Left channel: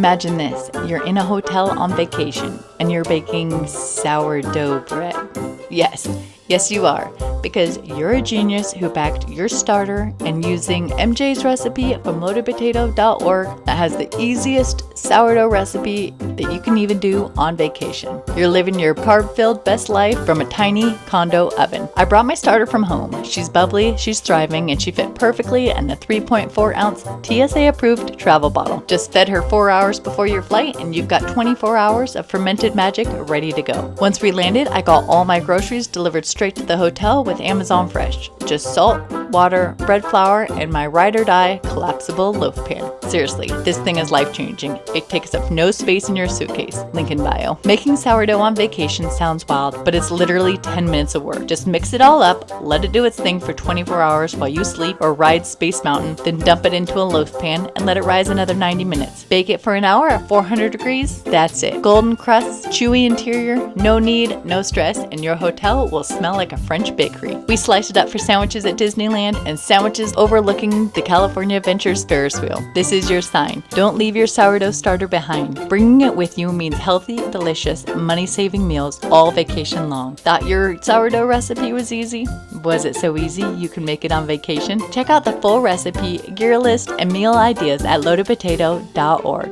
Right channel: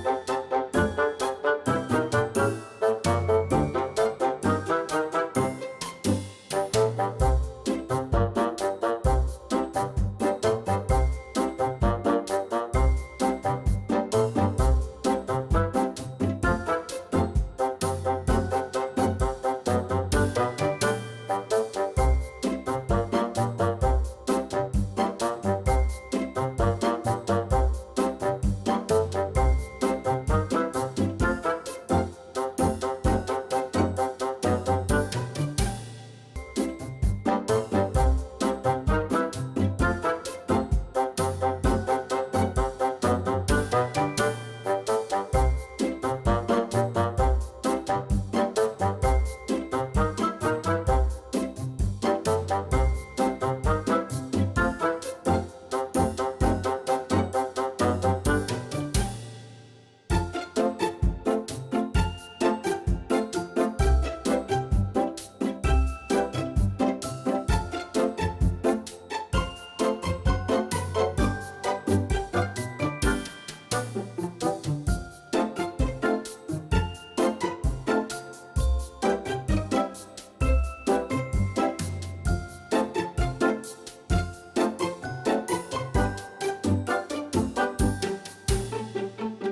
Imagine this, you're in a hotel on vacation and you're baking sourdough bread. Yes you are, because you're a genius who backed your starter and using MJ's recipe from loadedpotato.org that has the easiest sourdough recipe that you can even do on vacation. You're living your carb-filled best life from a tiny condo oven. I brought my starter from home. She's bubbly, she's thriving, and she fit perfectly in a 3.4 ounce TSA-approved travel bottle. Just fed her 4 hours before your flight and you've got 24 hours of fermented magic ready to go. Once we landed, I got all my groceries delivered straight to the hotel with Amazon Fresh. Just salt, water, bread flour, and my ride or die collapsible loaf pan. Seriously, this thing is life-changing. It takes up no space in your suitcase. Link in bio. Making sourdough on vacation sounds wild, but it's literally 10 minutes of work. Just mix it all up, let it do its thing for 24 hours while you sleep or ride Space Mountain, then dump it into a loaf pan and let it rise another 90 minutes. Bake it for an hour at 400 degrees. That's it. Golden crusts, chewy interior, no knead, no stress, and your hotel will smell like a French bakery. We slice it up for sandwiches at Disneyland and sandwiches overlooking the California Adventures Ferris wheel. This is your sign. Don't leave your sourdough starter behind. Bringing it with you means healthy, delicious, money-saving meals all vacation long. Thought your sourdough recipe was easy? Was it so easy you can make it on vacation? Check out the full recipe, gear list, and meal ideas at loadedpotato.org.